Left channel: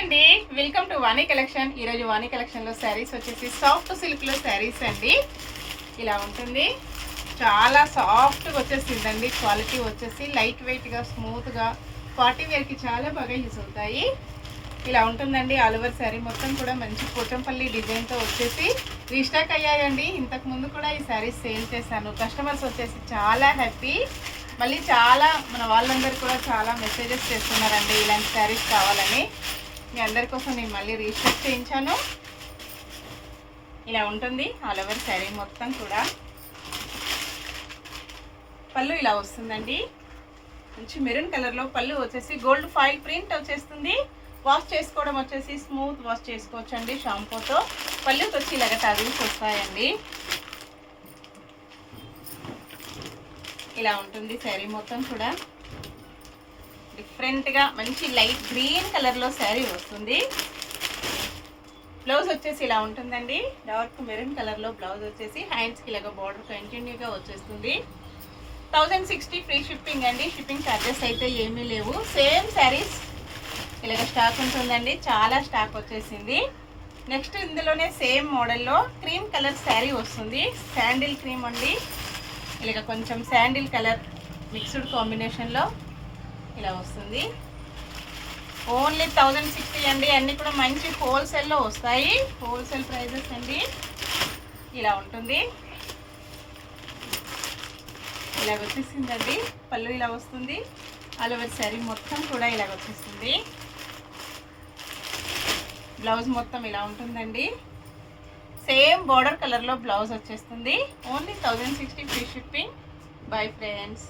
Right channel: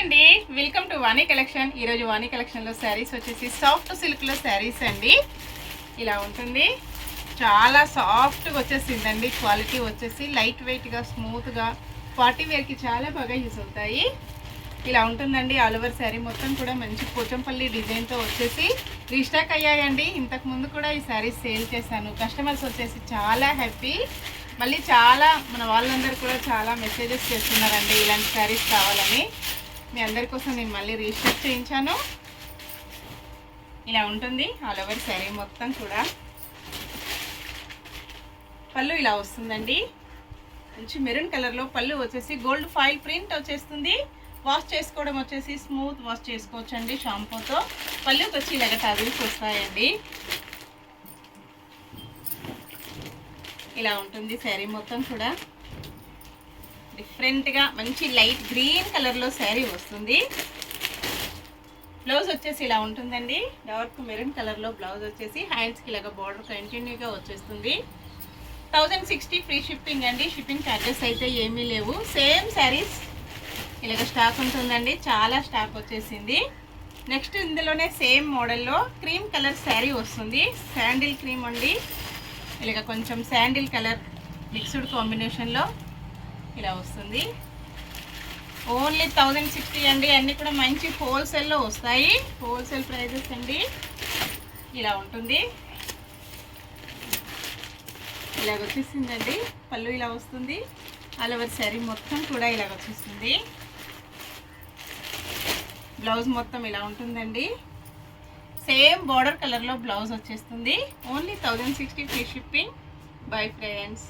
అండి, welcome to Vani collection. ఈరోజు వాణి కలెక్షన్లో శారీస్ వచ్చేసి సాఫ్ట్ సిల్క్లో శారీస్ అండి. ఇలా ఉంటుంది, చాలా సాఫ్ట్గా వచ్చేసిందండి. క్వాలిటీ వచ్చేసి లైట్ వెయిట్గా స్మూత్గా పార్టీ వేర్కి చాలా బాగా యూజ్ అవుతాయి. ఇలా ఉంటుందండి. ఆల్ ఓవర్ శారీ మొత్తం కూడా మంచి పోచంపల్లి డిజైన్తో వచ్చేసి రీస్టాక్ అయ్యాయండి. ఇంతకుముందు కూడా ఈ శారీస్ సేల్ చేశాను. కస్టమర్స్ వచ్చేసి చాలా హ్యాపీ. మళ్ళీ చాలా మన వాళ్ళందరూ కూడా చాలా మెసేజెస్ చేస్తున్నారండి ఇలాంటి శారీస్ కావాలని. మీ అందరి కోసం నేను మళ్ళీ రీస్టాక్ చేయించాను. ఇలా ఉంటుంది ఆల్ ఓవర్ శారీ మొత్తం కూడా. పళ్ళు ఇలా వస్తుందండి, మంచి మెరూన్ కలర్లో పళ్ళు వచ్చేసి గోల్డ్ ఫాయిల్ ప్రింట్ వచ్చేస్తుంది. వాష్ చేసుకోవడం వచ్చేసి స్మూత్ వాష్ చేసుకోవచ్చండి షాంపూతో. పళ్ళుకి వచ్చి ఇలాగ టజిల్స్ వస్తాయండి. ఇలా ఉంటుంది శారీ మొత్తం కూడా. డిఫరెంట్గా మంచి లైట్ గ్రీన్ కలర్లో శారీ వస్తుంది. బ్లౌజ్ వచ్చేసి ఇలా ఉంటుందండి, డార్క్ మెరూన్ కలర్లో బ్లౌజ్ వచ్చేసి హ్యాండ్స్కి ఇలాగ బార్డర్ కంటిన్యూగా వచ్చేస్తుంది. 1060 ఫ్రీ షిప్పింగ్ అండి. షిప్పింగ్ ఛార్జెస్ అయితే ఏమీ లేవు. సేమ్ శారీస్ ఇలాగ స్టాక్ ఉంటుందండి, చాలా స్టాక్ వచ్చేసింది. నెక్స్ట్ ఇందులోనే సేమ్ మోడల్లో క్రీమ్ కలర్ శారీ వస్తుంది. శాండిల్ క్రీమ్ అండి, ఇలాగ కొంచెం శాండిల్ కలర్ మిక్స్డ్ కాంబినేషన్లో ఇలా వస్తుంది. ఓన్లీ 1060 అండి. అన్నీ కూడా మంచి హోల్సేల్లో వస్తాయి, హోల్సేల్ ప్రైజెస్ అండి. ఇలా ఉంటుంది, ఇలాగ వచ్చేసిందండి. పళ్ళు ఇలా వస్తుంది. ఆల్ ఓవర్ శారీ మొత్తం కూడా ఇలాగ వచ్చేస్తుంది. బ్లౌజ్ మొత్తం ఇలా ఉంటుందండి. సేమ్ బార్డర్ కలర్లో బ్లౌజ్ వచ్చేస్తుంది. Only 1060 free shipping. Bye friends.